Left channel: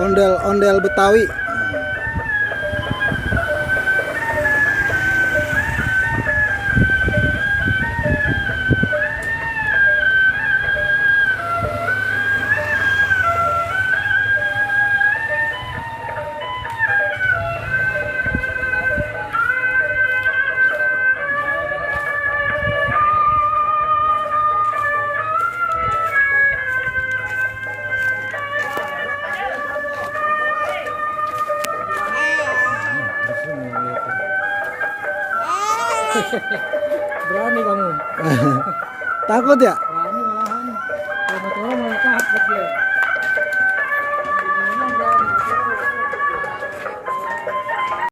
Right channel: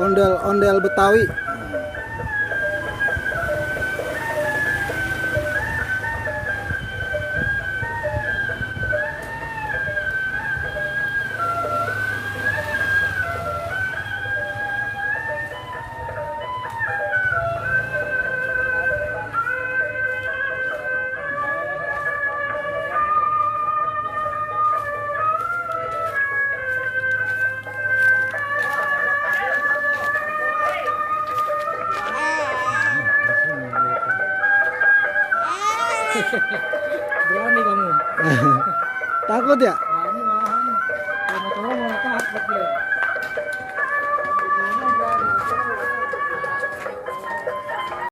Ondel-ondel Betawi. Berani kamu. Takut ya? Berani malahan. Kalau mau tolong mau takut dia.